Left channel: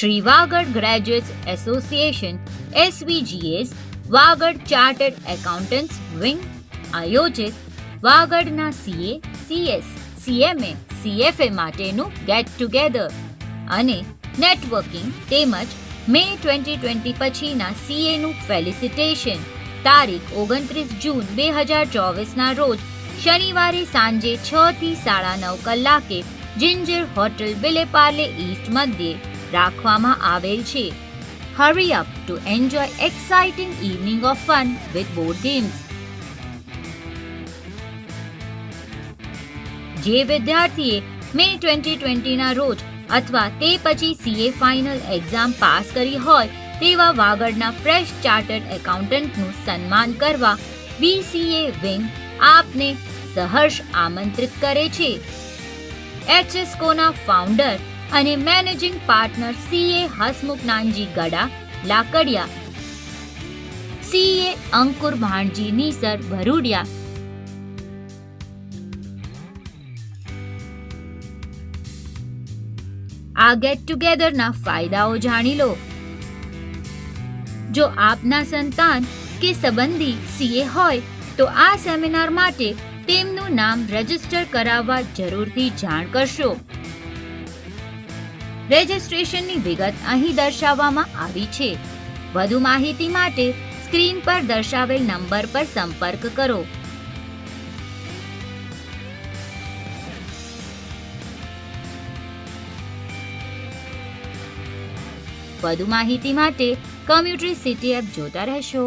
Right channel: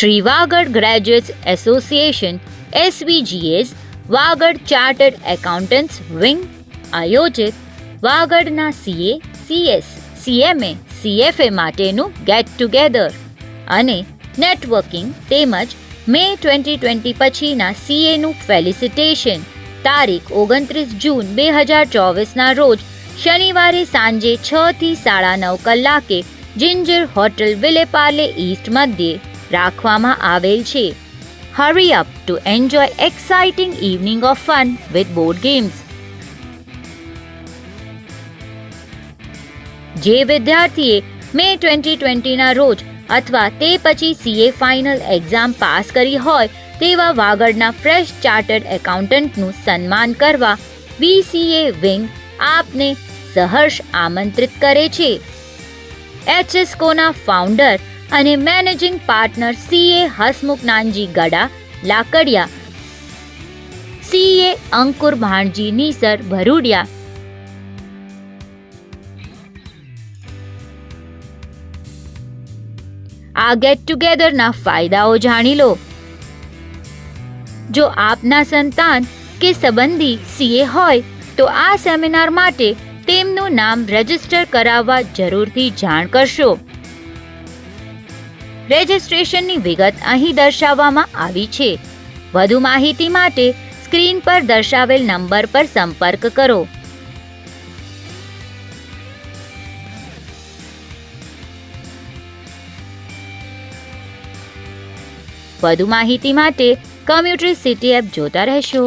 Shri Vagad graduates association SVGS Vagad chartered accountants wing આયોજિત વાગડના CA, CS, CMA, CFA માટેનું get together અને networking તેમજ મે 2020 પછીના CAનું ફેલિસિટેશન તારીખ 29 જૂન 2024ના રોજ શનિવારે સાંજે 6 થી 9:30 કલાકે જિંજર હોટલ વિલેપાર્લે ઈસ્ટ મધ્યે રાખવામાં આવેલ છે. Hurry up to enjoy exciting evening of fun with board games. જે વિદ્યાર્થીએ મે 2020ના રોજ અથવા તે પછી CA ફાઇનલ એક્ઝામ પાસ કરી હોય તેવા વાગડના ફ્રેશ ચાર્ટર્ડ એકાઉન્ટન્ટનું સન્માન કરવા BCA વિંગ આપને સહર્ષ આમંત્રિત કરે છે. HSCOના ફાઉન્ડર અને managing partner CA Hasmukh Nanji Gada Lakadia, CA અંકુર ભાણજી નીસર ભરૂડિયા, આ ગેટ ટુગેધરના ફાયદાઓ જાણી લો. જો આપના સંતાન કે સંબંધી CA હોય તો આ સેમિનાર માટે તેમનું નામ રજીસ્ટર કરાવવા જરૂરથી જાણ કરશો. રજિસ્ટ્રેશનની વિગત અહીં દર્શાવવામાં આવી છે. વધુ માહિતી માટે સ્ક્રીન પર દર્શાવેલ નંબર પર સંપર્ક કરો. વધુ માહિતી માટે કમ્યુટરી સિટી એપ જોતા રહેશો.